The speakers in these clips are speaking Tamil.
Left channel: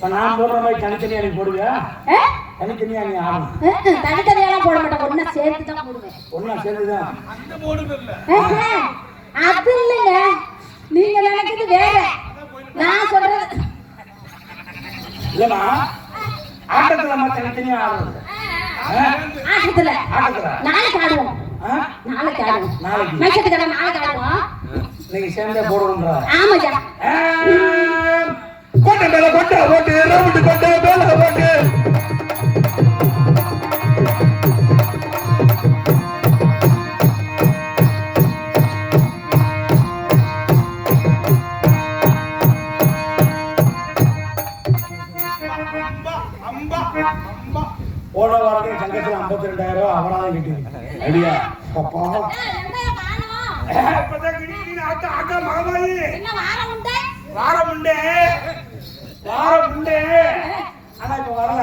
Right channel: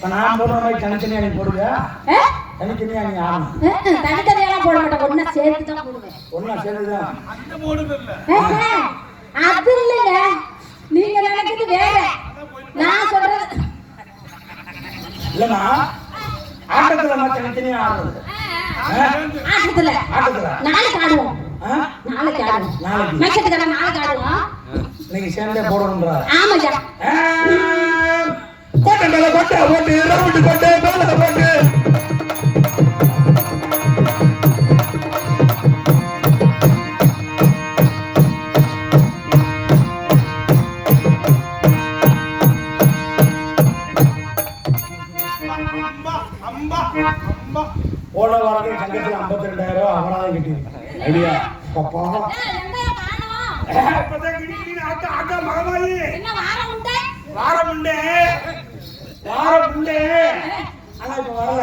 இப்போ நான் போடுற மாதிரி தனித்தனியாக நீ ஆ? தனித்தனியாக நீ ஆடணும். தனித்தனியெல்லாம் போட மாட்டேன். ஒண்ணா சேர்த்து தான் போடுவேன். ஒன்றா சேர்ந்துதான் ஆஹா, அது இல்லைங்க. நீங்க நினைக்கிறது வேற. நான் சொல்றது இல்லைண்ணா ஆட்டத்தில் நம்ம தனித்தனியாக ஆடுறது. ஆ? ஆட்டத்துல. ஆட்டத்தில். நாளைக்கு ஆடுவோம். ஆ? நாளைக்கு ஆடுவோம். நாளைக்கு. மைசத்துக்கார நாளைக்கு ஆடுவோம் இன்னைக்கு சேர்ந்தே போடுறோம்ன்றா ஆமாய்யா. போன வாரத்தில் சங்கத்தில் ஐம்பத்தி ரெண்டாயிரம் ரூபாய் அபராதம் கட்டியிருக்கேன் ரெடியா? அப்பா. இப்பதான் கிடிக்கிட்டு ஆட்டா ஆட்டா மகமாயி. என்ன வாரம் உண்டா. வாரம் உண்டு. வாரம் உண்டு ஆனா இப்ப வரல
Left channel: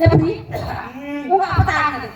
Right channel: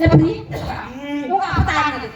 எப்படி உங்க அப்பா ஆடுனது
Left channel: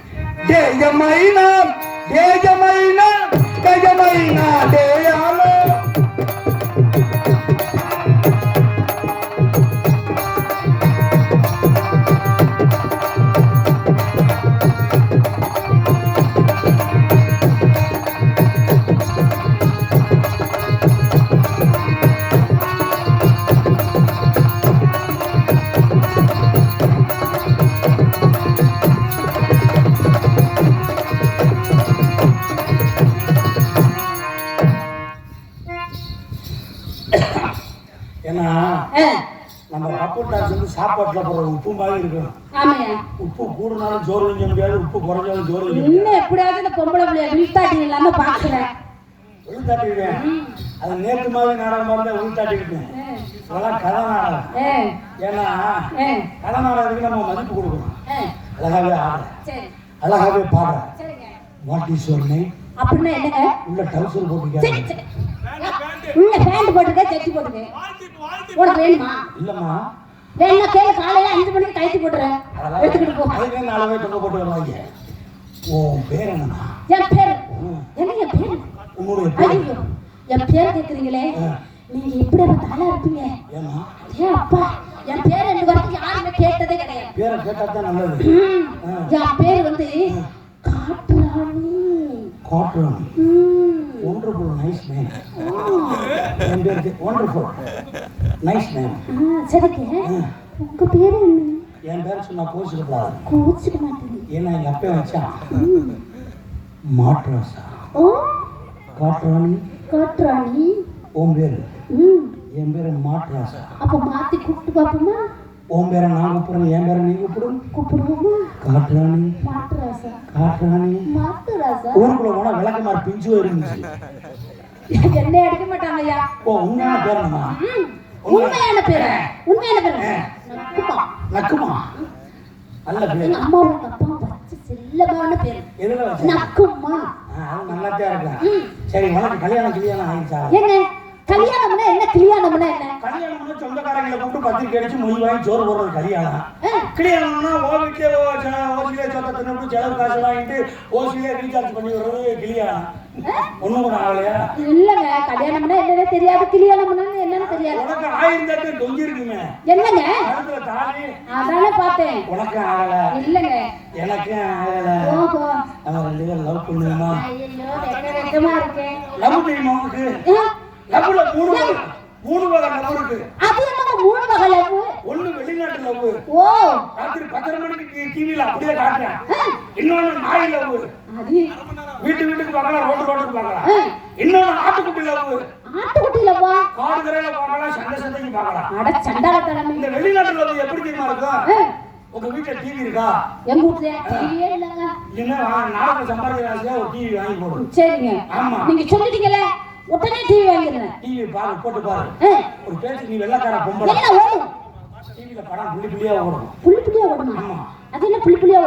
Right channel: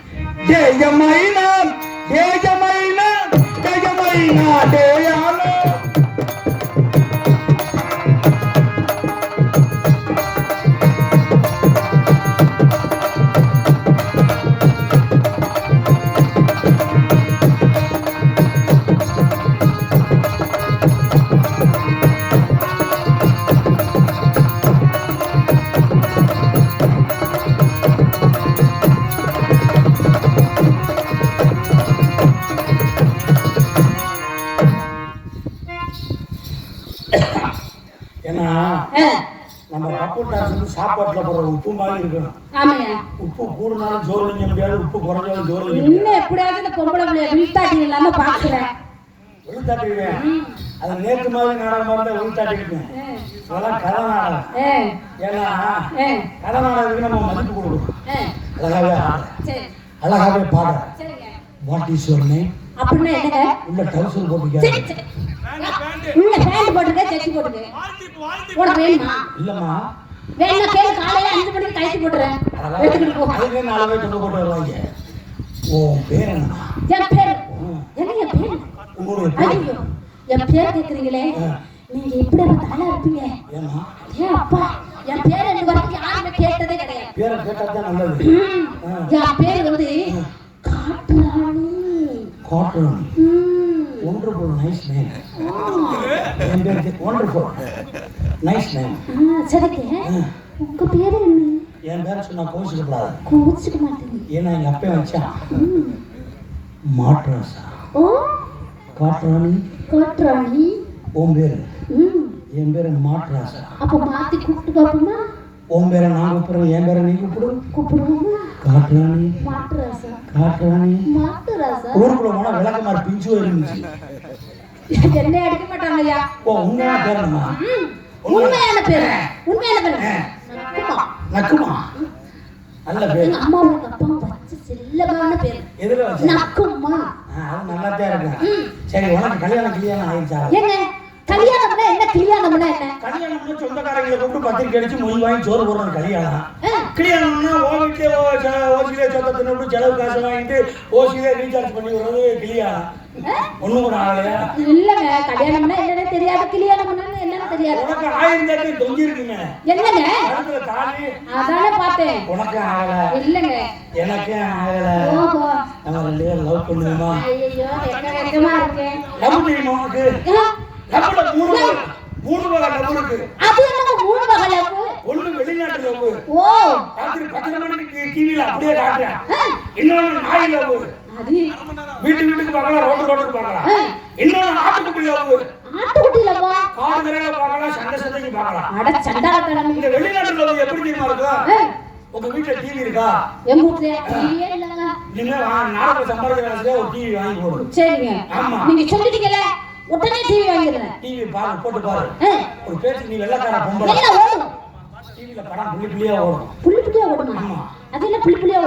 ஆமாய்யா. உப்பு கூடுனாலும் சோறு வைக்க முடியாது. உப்பு குறைஞ்சாலும் சோறு வைக்க முடியாது இன்னும் எப்படியாவது இந்த பொம்பளை பிள்ளைய விழித்தாட்டி இல்லாம பாக்குறேன். விழுத்தாட்டிடுவேன் அது நேற்று மாதிரி நாடகம் வந்து விழுத்தாட்டிக்கிட்டேன் அதெல்லாம் கதை நாடகம். ஏன்னா கதை நாடகத்துக்கு நம்ம மதிப்பு கொடுக்கணும். அழகாவே ஆட. சரி. அழகாவே பாட சரிங்க வாட் இஸ் யுவர் நேம் அப்படின்னா என்னங்க? உள்ள டவுசர் சரி போட்டுக்க உள்ள பேண்ட் போட்டுக்க செட்டி போட்டுக்க உனக்கு வேணுமா? இல்லம்மா. வேணுமா கேளு காலையில அஞ்சு மணிக்கு கழிச்சு போட்டுறேன். எடுத்துக்கிட்டு போ அதுவே நாலு பேர் போட்டு வருவாங்க. உன் பேர் என்னம்மா? என் பேர். என்ன என் பேர்? உன்னுடைய பேர்? என் பேர் கேக்குறீங்களே. நீங்க எப்படி தலை இருப்பீங்க ஏன் அப்பா என் பேர் ரெண்டு வரைக்கும் யாருமே கேட்டதே கிடையாது. பேரை கேட்டாதான் நல்லது. என் பேர் வந்து காட்டுராணி. காட்டன் ம். ஒண்டர்ஃபுல் நைஸ் நேம் என் பேருக்கு ஒண்டர்ஃபுல் நைஸ் நேம் சரிங்க உங்க பேர் என்ன? என் பேர் சொன்னா கோச்சிக்கப்படாது கோச்சுக்க மாட்டேங்க ஏன்னா எங்க அப்பா வச்சான். ம். மாட்ராசா. ஓ. காட்டுறானி காட்டுராணி. உன் பேர்? என் பேர் மாட்ராசா. அப்ப மாத்தி கூப்பிட்டு பாப்போமா உன் பேரை நான் கூப்பிடுறேன் என் பேரை நீ கூப்பிடு. கூப்பிடுவோமா? காட்டுறானி மாட்டு ராசா காட்டுறானி மாட்டு ராசா ஊருக்குள்ள போனா விளக்கமாறு பிஞ்சு இருந்துச்சு என்ன அடிக்க மாட்டாங்க ஐயா ஓ உண்மையான பேர் என்னம்மா? ம். உண்மையான பேர் உண்மையான பேர் நக்குமா. நக்குமா நல்ல பேர் எங்க அம்மாவோட அப்பா வச்ச செல்லமான பேர் எதுல வச்சு நக்குமா அது நல்லாத்தான் இருக்கு ம். சரி உனக்கு கல்யாணம் கல்யாணம் ஆயிடுச்சா என்ன கல்யாணம்னா என்ன கல்யாணம்னா என்ன கல்யாணம்னா சொந்தக்காரங்களை கூப்பிட்டு பத்திரிக்கை அடிச்சு மொய் வாங்கி சோறு போடுறது கல்யாணம் கல்யாணம்னா ஓ வீட்டிலே ஓசிலே சொந்த தின்னு செலவு காசு வாங்கிட்டு ஓசிலே ரீசார்ஜ் பண்ணி விடுறது கல்யாணம் ஒண்ணும் ஆகலையா? இல்லங்க கல்யாணம்னா என்னன்னு தெரியாது கல்யாணம்னா என்னன்னு தெரியாது. உனக்கு ஆயிரம் தட்டு தொங்கி இருக்குங்க என்னங்க? அடுத்த தாலி. அதானே பார்த்தேன். உனக்கும் ஆகல. இல்லங்க. எனக்கும் ஆகல. ஓஹோ. நம்ம ரெண்டு பேரும் லவ் பண்ணுவோமா? ஐயோ வெக்க வெக்கமா இருக்கு? லவ் தெரியுமா உனக்கு? ஆ, லவ்ல மூணு வகை மூணு வகை லவ் இருக்கு. அது என்னங்க மூணு வகை லவ் ஒண்ணு வெளிநாட்டு லவ் ஓ. ராத்திரி பத்தரை மணிக்கு அப்படியே காட்டுறேன். இன்னொன்னு நாய் லவ் அது வீட்டு வீட்டுக்கு பார்க்கலாம் ரோட்டு ரோட்டுக்கு பார்க்கலாம். இன்னொன்னு ஆட்டுக்குட்டி லவ் ஆட்டுக்குட்டியில வா. காடு கரையில பார்க்கலாம் சண்டை சண்டைக்கு பார்க்கலாம் அட சண்டாளத்தனமே இந்த வெளிநாட்டு லவ் எப்படி தெரியுமா இருக்கும்? உங்க வீட்டுல டிவி இருக்கா? எங்க வீட்டுல? டிவியே இல்லைங்க நாடக காசுல ஒரு டிவி வாங்கி போடு. சரிங்க. ஆமா. நீங்க சொல்லிட்டீங்கல்ல உடனே டிவி வாங்கிடுறேன். டிவி பாரு போட்டு பாரு. ஒரு பேச்சு நீ வெள்ளக்கார பொம்பளை. ஓடும் டிவியில படம் புள்ளி புள்ளியா ஓடும். புள்ளி புள்ளியா ஓடணும் ஆமா. அது என்ன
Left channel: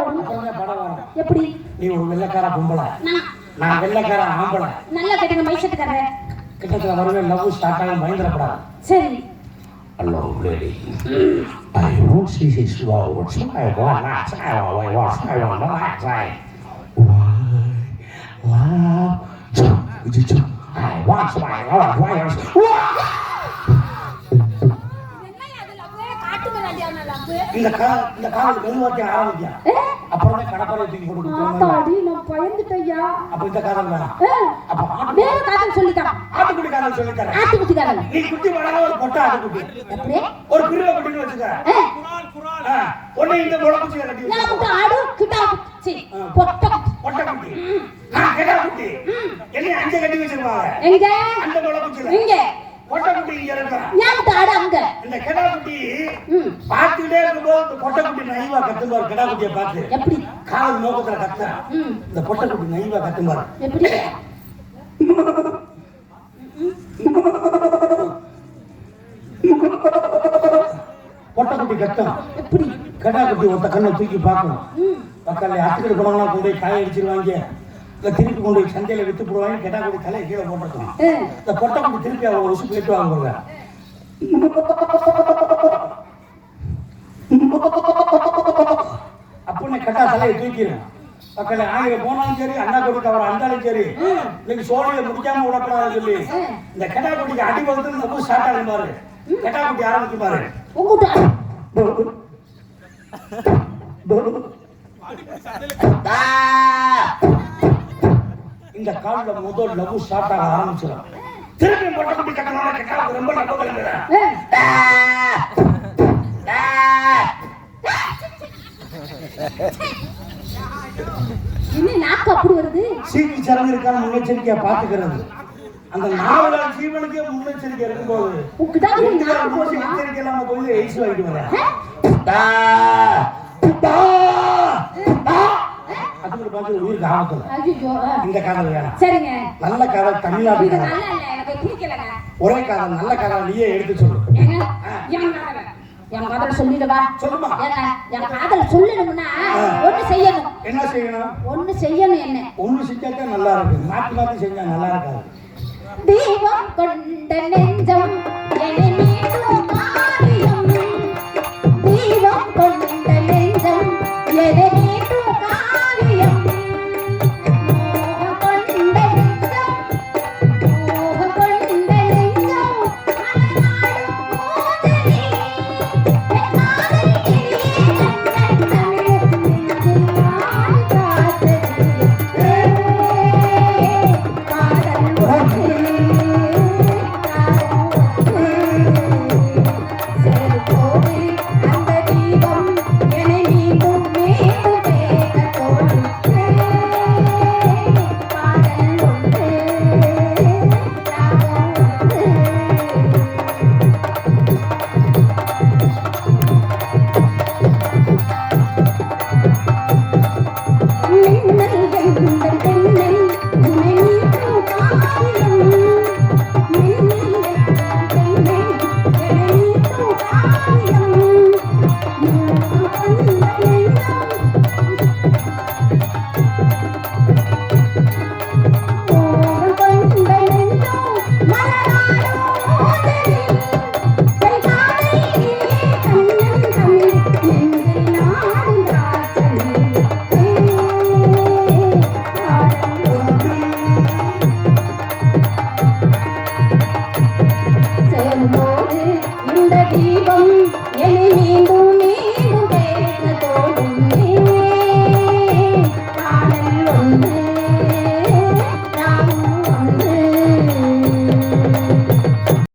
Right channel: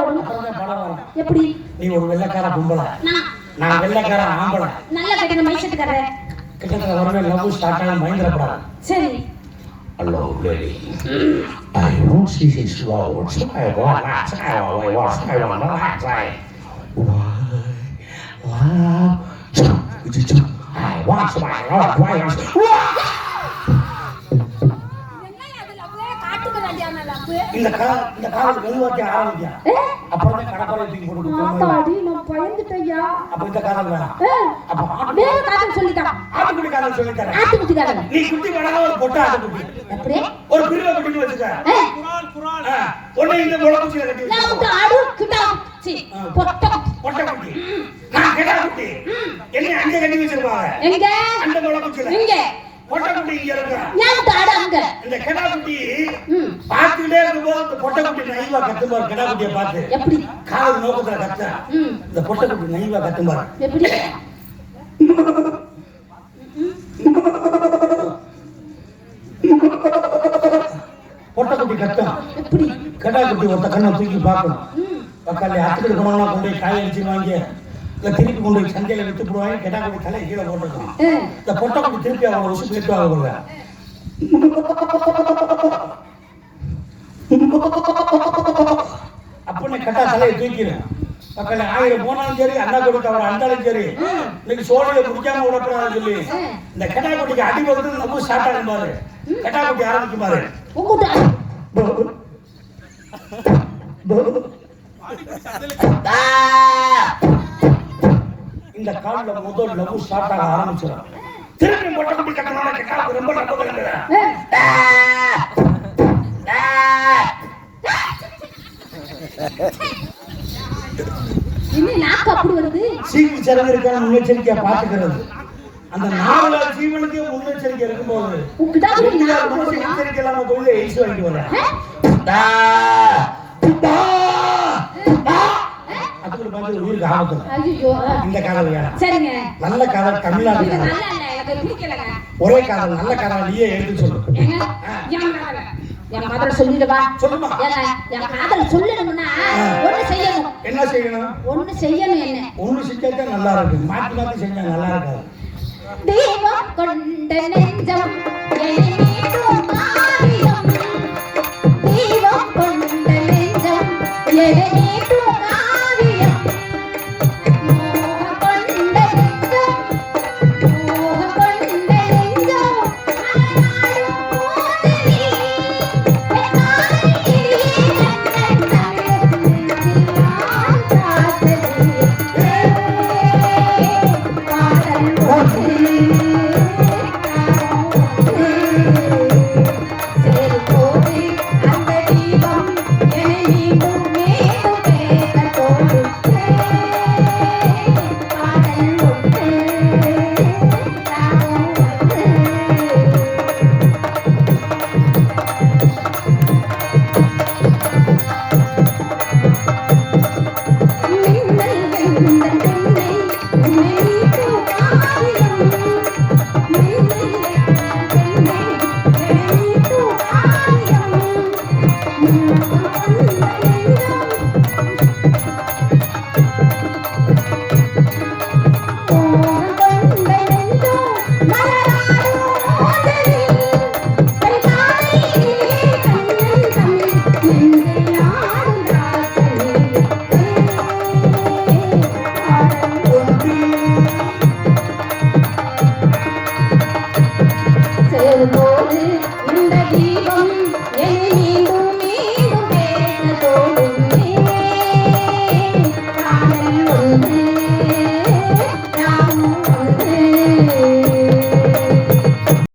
ஓடும் அப்புறம் தான் படம் வரும்? எப்படி? நீ ஒரு வெள்ளக்கார பொம்பளை. நான் வெள்ளக்கார ஆம்பளை. நல்லா கட்டின மைசத்துக்காரர் கிட்டத்தட்ட வருவேன் லவ் ஸ்டார்ட் ஆகும் பயந்துடப்படாது சரி. Hello, lady. I won't see his lords. I want not. I want what I want not. Why love. I want my lord. Why? இந்த கால இந்த காலத்துக்கு அப்புறம் தான் தூக்கி போட்டு கொடுப்பாங்க. ஆத்தாடி நான் பயந்துட்டேயா அப்ப இந்த ஏ, அப்ப ஆட்டு வேற காதல் சொல்லிட்டான் ஆட்டுக்குட்டி நீ குட்டி வளர ஒரு பொட்டை ஆட்டுக்குட்டி. ஒரு பிரிவை குட்டின்னு வச்சுக்க. ஏ, ஆ, ஒண்ணு இந்த முளக்குச்சியில கட்டி நான் ஆடு கிட்டா சரி பொட்டை பொட்டை குட்டி நான் கெடா குட்டி. என்ன அங்க கட்டி வச்சிருப்பாங்க. எங்க? அந்த முளக்குச்சியில எங்க? பொட்டை குட்டி இங்க இருக்கும் நான் வந்து ஆடு அங்க. இந்த கெடா குட்டி ம். பார்த்துக்கிட்டே இருக்கும்போது இந்த பொட்டை குட்டி நைவா கத்துப்பாரு கெடா குட்டியை பார்த்து. எப்படி? காதல் நோக்கத்துல கத்த. இந்த பொட்டை குட்டி நைவா கத்துப்பாரு எப்படி? பொட்டை குட்டி கத்தும் எப்படி? கடா குட்டி ஒருத்த கண்ணை தூக்கி பார்க்கணும். பக்கத்துல அத்துக்கு கொண்டு போய் காய அடிச்சிருவாங்க இல்ல திருப்பி கொண்டு சந்தையில வித்து போடுவாங்க கெடா குட்டி தலையை கீழே போட்டுருக்கோம் இந்த பொட்டை குட்டி திருப்பி அவங்க உசு கேட்டுவாங்க போடுற அப்படின்னு கட்டா தலையை தூக்கிடும். ஆயிரம் போனாலும் சரி அண்ணா கொடுக்க அவர் அண்டாலும் சரி இன்னைக்கு சோழியை குடிக்காம விடக்கூடாதுன்னு சொல்லி இந்த கெடா குட்டிக்கு அடி வகுத்து நம்ம ஸ்டார்ட் கெடா குட்டி ஆரம்பிச்சு பாரு. உங்ககிட்ட இந்த கால்ல முதல் லவ் ஸ்டார்ட் ஆக ஆரம்பிச்சிடும். திருப்பி மொட்டை குட்டி கட்டணும் கெட்டாவுக்கு ரொம்ப நம்ப கிடையாது ஏ, என்ன நாக்கு அப்படி வருது? சீக்கு முன்னெச்சரிக்கையா பாத்துக்கிறது அந்த நாலு ஜீவனுக்கே முன்னெச்சரிக்கை இல்லாம கோயில எய்ஸ் வாங்கிட்டு வரேன் உயிருக்கு இந்த காதல் வேணாம். சரிங்க. நல்ல காதல் பிடிக்கலங்க. ஒரே காதல் நல்ல காதல் நீயே எடுத்து சொல்லு. என் காதல என் காதல் சொல்லிடுவா. சொல்லுமா? ஏங்க என் காதல் சொல்லணும்னா ஒண்ணு செய்யணும். என்ன செய்யணும்? ஒண்ணு செய்யணும் என்ன? ஒண்ணு செஞ்சாதான் நல்லா இருக்கு. மாத்தி மாத்தி செஞ்சா நல்லா இருக்காது. தெய்வம் கொண்ட நெஞ்சம்